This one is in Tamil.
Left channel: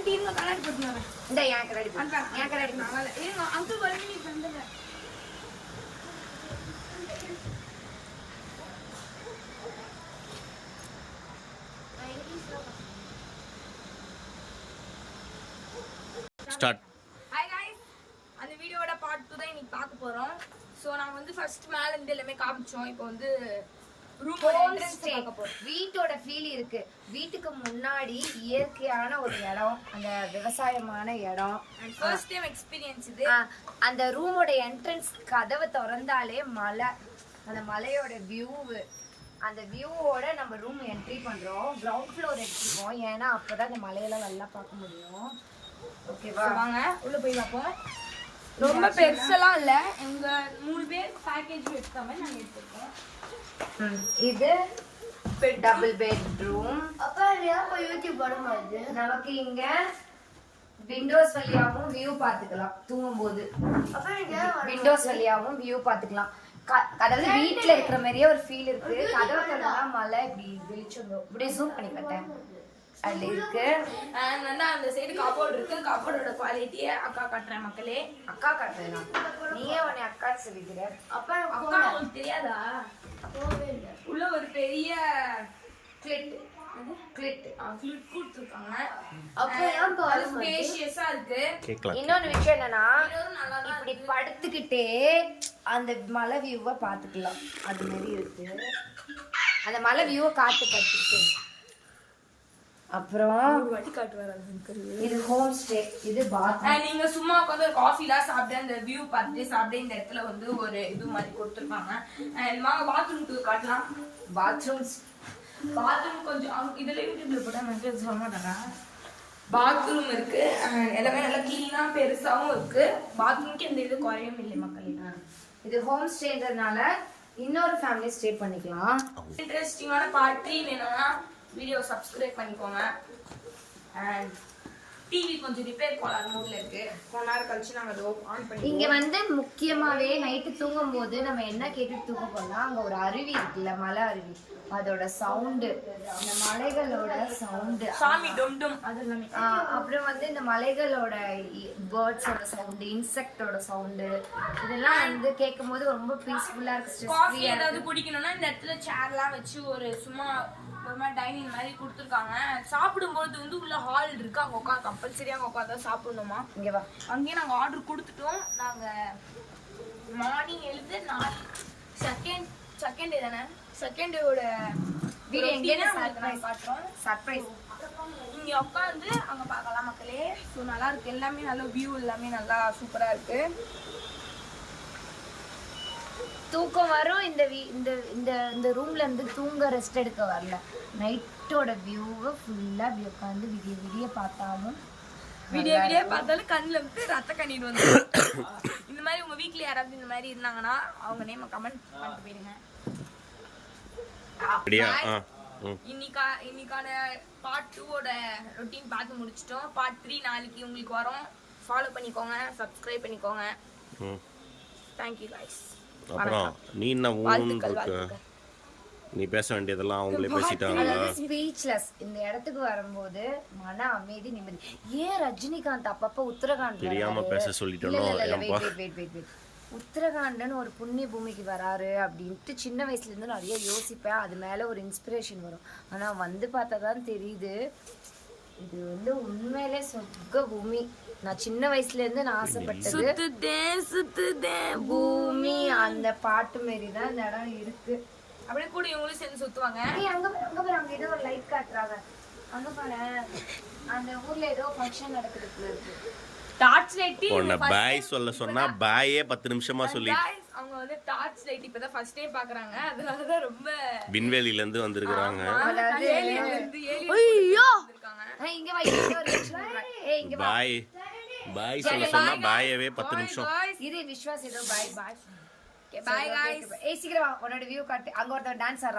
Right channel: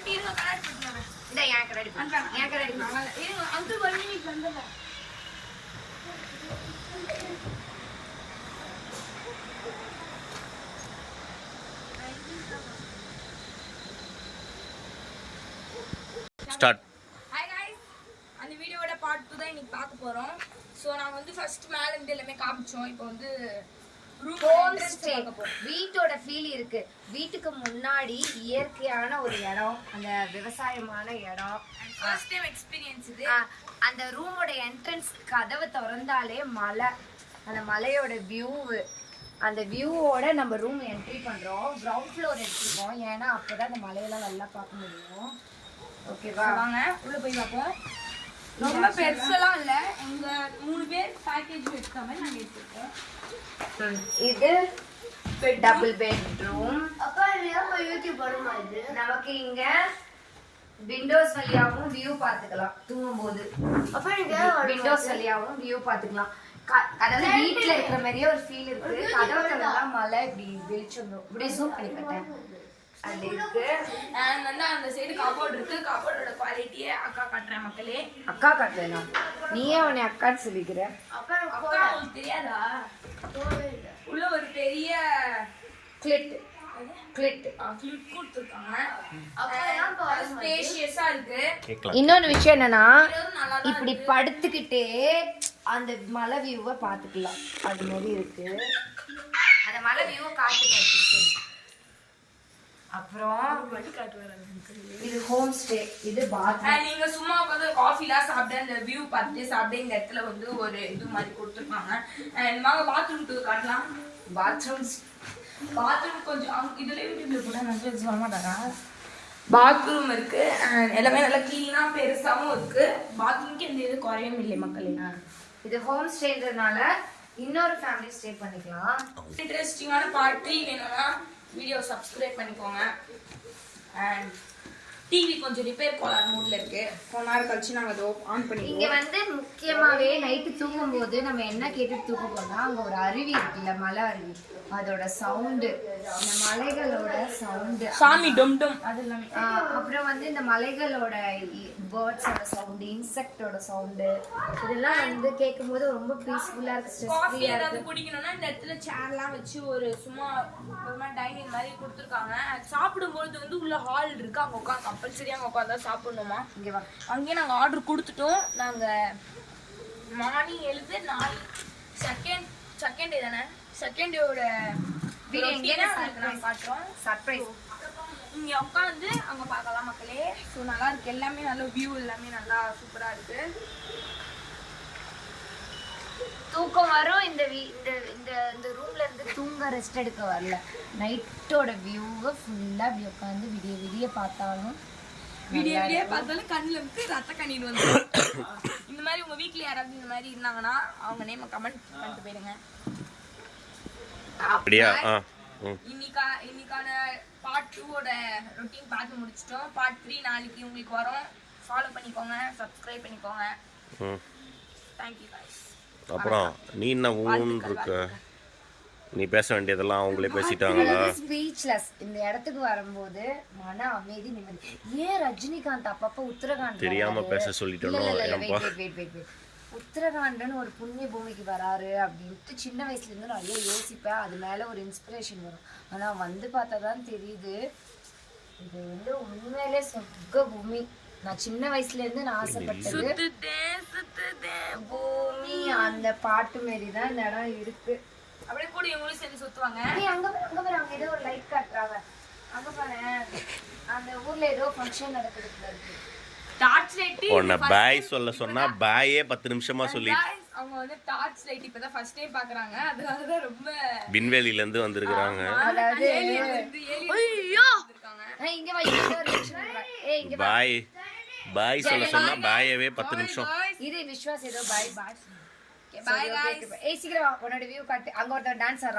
ஆண்டி இருங்க கண்ணாடி போட்டுங்க. இந்த ஏன் கண்ணாடி போட்டு ஏன் கண்ணாடி போட்டு இருங்க அங்கிள் ஒரு மினிட் வந்துங்க. ஸ்டார்ட். ஹாய் गाइस, அந்த வீடியோட பார்ட் 2 தான் இன்னைக்கு பார்க்க போறோம். சோ நாங்க வந்து ஃபர்ஸ்ட் மேல இருந்து எல்லாமே காமிச்சோம். இப்போ வந்து ரூம் என்ட்ரன்ஸ் பார்க்க போறோம். வீட்டோட ஃபீல் இருக்கு. வீட்டுக்கு முன்னாடி இயற்கையான ஒரு இடம், அந்த விவசாயமான இடம். ஃபர்ஸ்ட் டைம் எக்ஸ்பீரியன்ஸ் இது. அந்த ரூமோட என்ட்ரன்ஸ் கதவை திறந்தாலே மலை, அந்த மலையோட வியூ, அந்த வியூவோட நம்ம ரூம் என்ட்ரி பண்றோம். கிரவுண்ட் ஃப்ளோர் எடுத்துருக்கோம், ஏன்னா அப்பதான் அந்த மலையெல்லாம் நல்லா பார்க்க முடியும். ஓகேவா, வாங்க உள்ள போய் பார்ப்போம். ரொம்ப பெருசெல்லாம் இல்ல, எங்க 3 பேர் பேக்கேஜ் எடுத்த மாதிரி நாங்க எடுத்துருக்கோம். இது டபுள் பெட்ரூம். அப்பா ஏன் யூடியூப் பண்ணுமா இது? நமக்கு இங்க விண்டோஸ் வழியாவும் வியூ பாத்துக்கலாம். தூங்கும்போது விண்டோஸ் வழியாவும் வியூ பாத்துக்கலாம். அதாவது வீட்டுல இருக்கிற மாதிரியே ஒரு ஃபீல் இருக்கு. கதவு திறந்தா மலை இப்படி வெளிச்சம் இப்படியே ஜூம் பண்ணி கட்டேன் அது இருக்கு. அண்ட் வந்து அந்த சைடு கபோர்ட் இருக்கு. கபோர்டோட குவாலிட்டியை அக்கா காட்டுறேன் மக்களே. அக்கா காட்டுறேன். நீயே உன்னை அக்கான்னு சொல்லிக்கிற. அக்கா உங்களுக்கு தெரியாதா? உள்ள ஒரு பெரிய கிளிட் கொடுத்துருக்காங்க. ஸ்பேஷியஸா இருக்கு. இன்னொரு விஷயம் என்னன்னா, இப்படி படுத்துக்கிட்டே அந்த மலை வியூவை பாத்துக்கலாம். அது மாதிரி இருக்கு. அந்த மலை வியூவை காத்துக்கிட்டு அப்புறம் இது ஹோம் ஸ்டே. இது பாத்ரூம். நீங்க சும்மா உட்காந்து காஃபிலாம் சாப்பிட அந்த வியூ பார்த்துட்டு சாப்பிட இந்த இடத்துல வந்து ஒரு இது மாதிரி கொடுத்துருக்காங்க. வாங்க பாத்ரூம் காட்டலாம். பாத்ரூம் கொஞ்சம் இதுல யூடியூப்ல போட்டா வந்து சொல்ல மாட்டாரா. பாத்ரூம் இருக்கு, எல்லாமே நல்லா கிளீனா பெருசாவும் இருக்கு. பாத்ரூம்க்கு எந்த இது குறையும் இல்லை மக்களே. இது ஹோம் ஸ்டேன்றதுனால இன்னொரு ஃபேமிலி ஸ்டே பண்ணிக்கலாம். இன்ட்ரெஸ்டிங்கான பார்ட் 3 வேணும்னா வீடியோ சப்ஸ்கிரைப் பண்ணிக்கோங்க. அண்ட் டிவி கொஞ்சம் ரிப்பேர் கோளாறு மூட்ல இருக்கு. கொஞ்ச நேரம் கழிச்சு நாங்க அதோ ஆன் பண்ணி. இங்க வந்து முக்கியமாவே நைட்டு தூங்கும் போது நம்ம என்ன கேட்டு தூங்க போனா, அங்க ஒரு அருவி இருக்குல்ல, மலை அருவி, அதோட சவுண்டு, இந்த மலைகளோட சவுண்டு, சாமி டும் டும் அது எல்லாமே. அப்புறம் வந்து இந்த மலைகளோட பேர்ட்ஸோட சவுண்டு, இன்செக்டோட சவுண்டு, இதெல்லாம் வந்து கேட்கும் போது ரொம்ப பீஸ்ஃபுல்லா இருக்கு. ஸ்ட்ரெஸ் ஃப்ரீயா ஏதாவது குடிக்கணும்னா இந்த இடத்துல சேர்லாம் வச்சு ஒரு சும்மா ஒரு மாதிரி டைனிங் மாதிரி கொடுத்துருக்காங்க. சாப்பிடும்போது வந்து உள்ள ஹால் இருக்கு, அங்க உட்காந்து கம்பல்சரியா அங்க உட்காந்து சாப்பிடணுமா. இங்க வா, அங்கேயே நாங்க ஆர்டர் கொடுத்துட்டோம். நாங்க மார்னிங் எழுது 4 செகண்ட் டே தானே, செகண்ட் டேவோட வீடியோ எங்கேயே காட்டுறோம். சர்ப்ரைஸ். இங்க உட்காந்து அங்க பார்க்கலாம் மக்களே. ஸோ நல்லா இருக்கு, எல்லாமே நல்ல வியூ, எல்லாமே நல்லா சூப்பரா இருக்கு. தூக்கம் வரும். இந்த ரூம்ல இருந்து தூங்க ரெஸ்ட் எடுக்க வரல. நைட்டோட வியூவை ஃபுல்லா அப்படி உட்காந்து விடிய பார்த்தாலும் கண்ணுல வந்து ரத்த கண்ணீர் வந்து. இந்த மாதிரி உங்க வீட்ல யாராவது இந்த மாதிரி இருந்தாங்கன்னா அவங்க நேம கமெண்ட் பண்ணிட்டு போயிடுங்க. இன்னைக்கான பார்ட் 2 ரொட்டீன் பார்த்து முடிச்சிட்டோம். பார்ட் 3 நாளைக்கு உங்களுக்கு வரும். ஃபாலோ பண்ணிக்கோங்க, சப்ஸ்கிரைப் பண்ணிக்கோங்க. Thank you guys. அப்புறம் நீ என்ன ஊன்னு இருக்க? நீ பேச வேண்டியதெல்லாம் அவங்களே பேசிட்டாங்களா? ஸ்பீச்லெஸ். இந்த இடத்துக்கு வரும்போது மன அமைதி, நிம்மதி. ஏன் ரஜினிகாந்த் அப்பப்ப உத்தரகாண்ட் தெரியாம பேச சொல்லிட்டோம். உத்தரகாண்ட்னு ஒரு புண்ணிய பூமிக்கு வராரு அப்படின்ட்டு சின்ன வயசுல இருந்து நிறைய யோசிப்பேன். அது மேல ஒரு இன்ஸ்பிரேஷன் வரும். ஆனா வந்து பார்த்தாதான் தெரியுது, இது வந்து உண்மையிலே சொர்க்க பூமி. நான் சின்ன வயசுல இருந்து நான் ஆசைப்பட்டது பூமி. அந்த பாட்டு மாரி தான் இந்த இடம் இருக்கு. அப்படியே கூட இவங்களும் சேர்ந்து சுத்துவாங்க. அங்க பாரு, ஏதோ ஒரு லைட் காட்டுறாங்க. அங்க பாரு, அந்த ஊர்ல ஏதோ ஃபங்க்ஷன் நடக்குதுல இருக்கு. டார்ச் லைட் ஒண்ணு பாய் சொல்ல சொன்னா பாயே 10 நிமிஷமா சொல்லி அவங்க வந்து டார்ச் லைட் இப்பதான் ஃபர்ஸ்ட் டைம் பாக்குறாங்க. அதனால தான் ரொம்ப விண்வெளியில இருந்து வந்திருக்காங்க. அதாவது ஐயோ இங்க வா, இங்க ஒரு ரியாக்ஷன் பண்றா. ஏய் இங்க வா. பாய் சொல்ல சொன்னா பாயவே 10 நிமிஷம். இது விஸ்வாஸ் ஏதோ பாய். Okay bye guys. ஏய் சீக்கிரம் வா, உன்னோட வியூ காட்டு. அங்க ஒருத்தர் டான்ஸ் ஆடுறான்.